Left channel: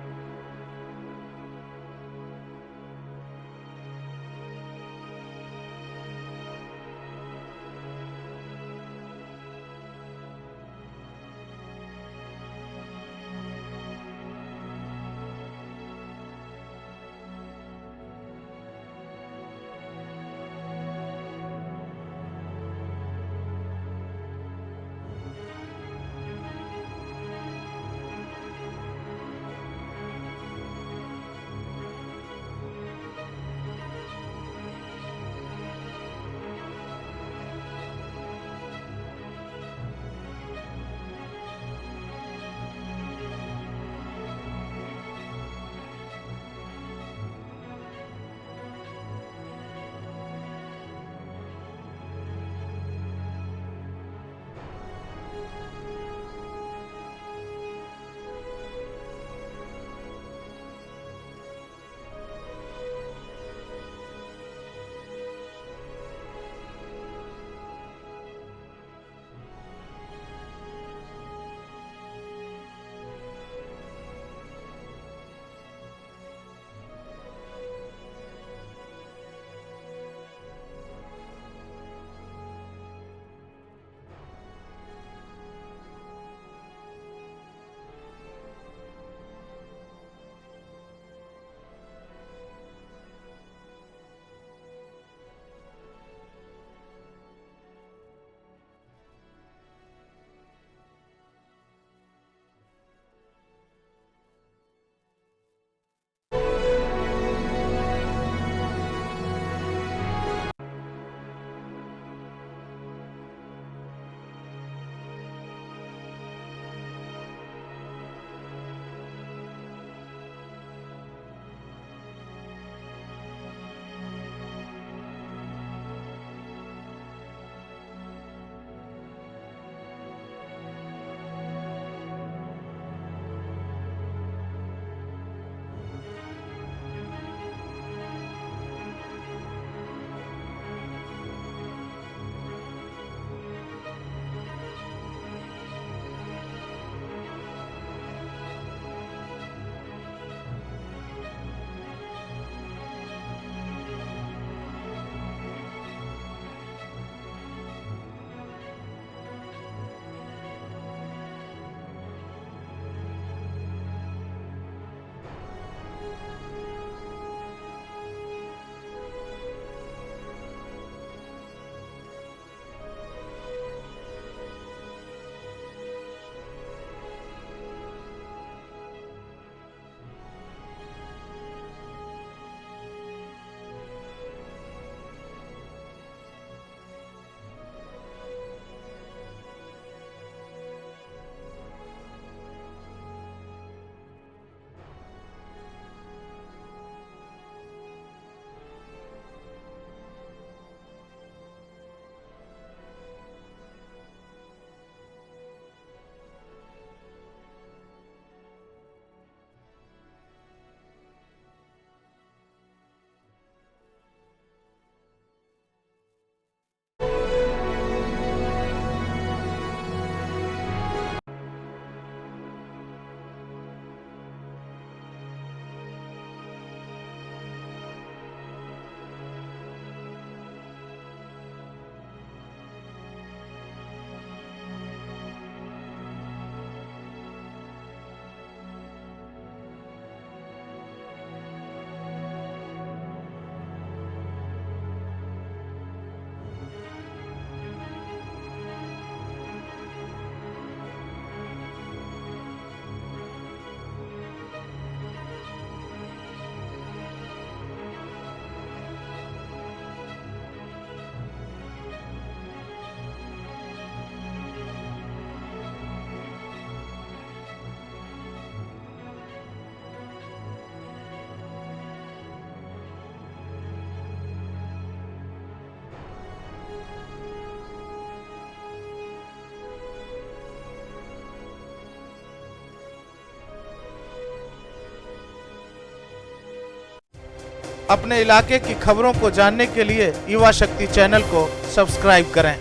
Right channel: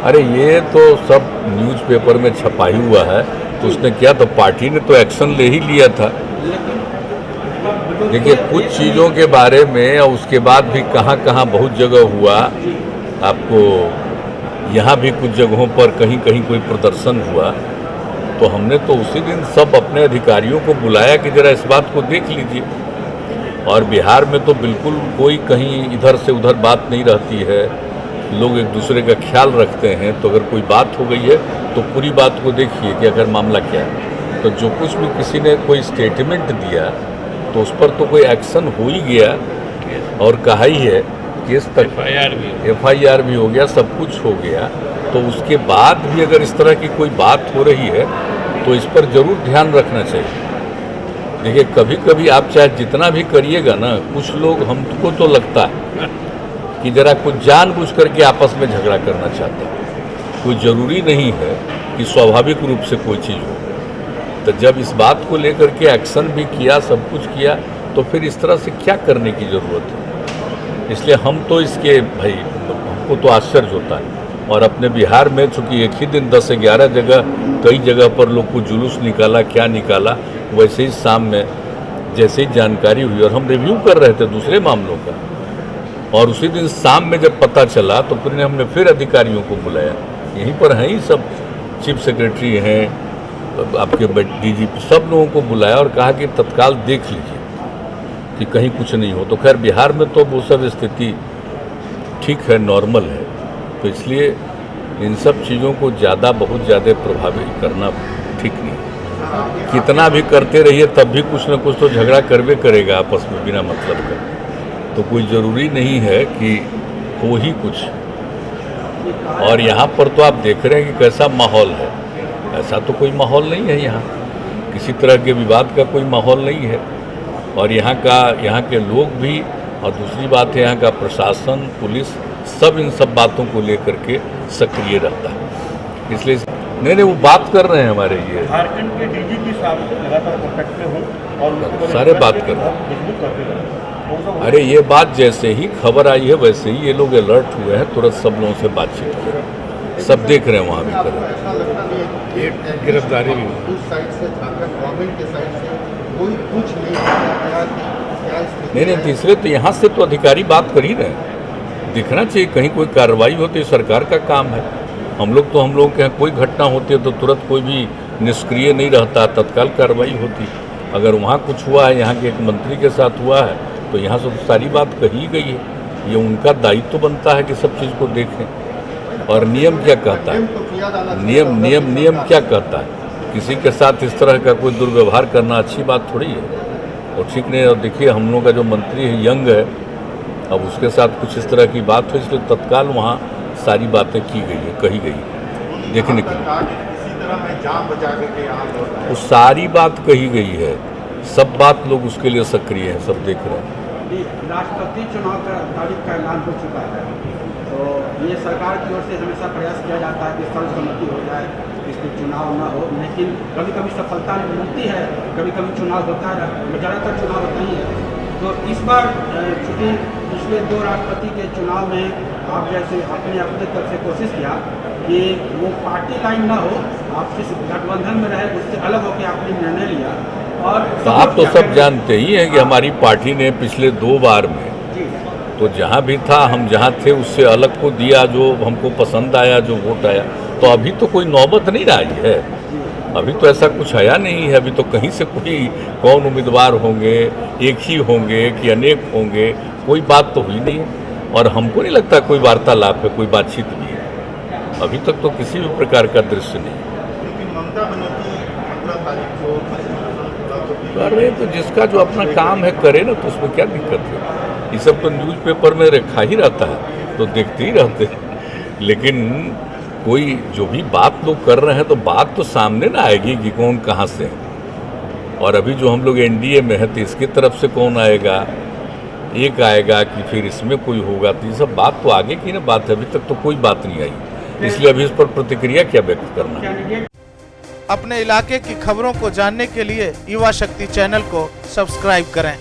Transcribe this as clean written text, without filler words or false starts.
अरे ये तो सब न्यूज़पेपर में छपा ही हुआ है, तो उसने किया तो पार्टी ने तो एक्शन ले ही लिया था। देखिए कुछ चीज़ों के बारे में और उसके बाद भी कहाँ कहाँ बहुत जगह हुआ, आपको यहाँ भी कुछ जगहों पर कहीं कहीं कोई प्रदर्शन हुआ, तो हमने तो उसी दिन सब अपने अधिकारियों को बुलाया कि ज़रा इस बात को देख लीजिए। और बिहार में तो बिल्कुल कोई कहीं इधर से उधर बात नहीं रहती है, लोग एक दूसरे का ख्याल रखते हैं। तो अगर कोई बात हो गई है तो पूरी बात को देखिए कि अगर मामला क्या है, तो जो कुछ भी किसी ने कोई स्टेटमेंट दिया तो उस पर तो कोई एक्शन हो ही गया और कहा ही है, केस तक FIR भी हो गया, सब कुछ हो गया। तो उसके बाद भी अगर इस तरह की कोई बात हो रही है तो इस पर ज़रूर ध्यान रखना चाहिए। देखिए कभी कभी आप चाहे जितना भी करिएगा ना, कुछ लोग, हमको तो लगता है कि ज़रा कुछ जानबूझ करके आपस में झगड़ा करना चाहते हैं। कोई ज़रूरी नहीं है कि स्वाभाविक रूप से कोई चीज़ हो। तो जब इस बात को लेकर के एक्शन भी किया, सब कुछ किया, तो फिर इस तरह से क्या करने की ज़रूरत है। इसलिए हम तो इसके भाई, हमको तो आश्चर्य होता है। और अपने बिहार में चूँकि एक ही दिन 10-11 जगह, कई जगह पर लोग को जुलूस निकाला, क्या निकाला, वैसे ही शाम में जैसे ही जानकारी हुई और हम रिव्यू कर रहे थे दूसरे मामलों का, और उसी दिन शाम में जब पता चला तो फिर हमने फिर अधिकारियों को बुलाया। यहीं पर हैं ही सब, चीफ सेक्रेटरी हैं, आपके DGP, सब लोगों को बुलाया और कहा कि तत्काल देख लीजिए कि कहीं कुछ नहीं हो। तो खैर बिहार में तो वो सब स्थिति ठीक है, नॉर्मल है। तो इसलिए इन सब चीज़ों को बहुत ज़्यादा प्रभावित करना ठीक नहीं। कितना भी करते रहिए तब भी कुछ न कुछ तो झगड़ा करवे करेगा आपस में बिना मतलब का। तो कोई ज़रूरी नहीं है कि हो ही कुछ। और यहाँ पर तो आप देख रहे हैं कि कैसा माहौल है। ऐसा तो कोई माहौल नहीं है, यहाँ किसी तरह के विवाद का कोई माहौल नहीं है। और यहाँ के लोग भी, और दूसरी बात है यहाँ का प्रशासन, पुलिस, सब इन सब बातों को लेकर के सक्रिय रहता है। इसलिए नहीं वो बात कर रहे हैं हमारे ये झारखंड के DGP साहब लगातार कॉन्टैक्ट में हो और सारे बात कर रहे हैं। अरे ये बात जैसे ही खबर आई है वैसे ही ये लोग अलर्ट हुए हैं, तुरंत सब लोगों से बातचीत की, सब देख रहे हैं वहाँ भी कर रहे हैं। गिरफ्तारी भी नहीं, तीसरे तो यहाँ से तो अधिकारी बात कर ही रहे हैं। दिखना चाहिए कहीं कोई कार्रवाई होती है, सरकार का काम है। हम लोग के यहाँ कोई घटना होती है तो तुरंत कोई भी निष्क्रिय नहीं रहता, तत्काल कार्रवाई होती। अगर वहाँ कुछ हुआ है, यहाँ के एक मंत्री के साथ हुआ है, तो यहाँ से तो सारी बात कही गई है। ये उनका दायित्व तो बनता है कि सब चीज़ को देखें। और नियम क्या कहता है, नियम क्या कहता है, किसी के साथ इस तरह का कोई दुर्व्यवहार करना अच्छी बात थोड़ी है और ठीक नहीं। और देखिए हम लोग का जो मंत्री है यंग है, अब उसके साथ कुछ इस तरह की बात हुई, इसलिए तत्काल वहाँ सारी बातें की गई है, कही गई है, देखने के लिए वो सारी बात कही गई है। सब बात लोग उसके लिए सक्रिय हैं, सब देख रहे हैं। राष्ट्रपति चुनाव का तारीख का ऐलान हो चुका है, तो ये सरकार की ओर से हमेशा प्रयास किया जाता है कि सर्वसम्मति हो जाए, इसमें चुनाव न हो। लेकिन कभी कभी सफलता मिलती है, कभी कभी चुनाव होता है, ज़्यादातर चुनाव होती है। तो इस बार चूँकि पिछले 2 राष्ट्रपति के चुनाव में आप जैसे अपने तरफ से कोशिश किया कि वो पार्टी लाइन ना हो, आप जिस गठबंधन में रहे उससे अलग होकर आपने निर्णय लिया। और तो आप तो सब जानते ही हैं कि हमारी पार्टी ने पिछले 2 बार में तो जहाँ भी था, हम जहाँ थे उससे अलग को दिया, जो हमको पसंद आया, जो वोट आया। तो अभी तो कोई नौबत नहीं आई है, अभी तो ऐसा कुछ आया नहीं है। अभी तो कहीं से कोई कौन उम्मीदवार होंगे, एक ही होंगे कि अनेक होंगे, कोई बात तो हुई नहीं है। और हमको नहीं लगता कोई वार्तालाप है, कोई बातचीत भी है। अभी तक तो किसी भी प्रकार का दृश्य नहीं कर रहे। तो जिसका जो अपना काम है करे ना, तो उसमें क्या दिक्कत है। ये सब तो न्यूज़पेपर में रखा ही रहता है, तो देखते ही रहते हैं। लेकिन कोई जो भी बात लोग कर रहे हैं तो बात तो सामने ना आएगी कि कौन कहाँ से है। और अभी जो हम लोग NDA में है तो इसकी तरफ से कौन आएगा, एक आएगा कि फिर इसमें कोई होगा, तो ये सब बात तो आगे की ना बात है। अभी तक तो कोई बात नहीं आई, इसलिए अभी इस पर प्रतिक्रिया क्या व्यक्त करना। अपने इलाके की खबरों को जानने के लिए युवा शक्ति चैनल को सब्सक्राइब करें।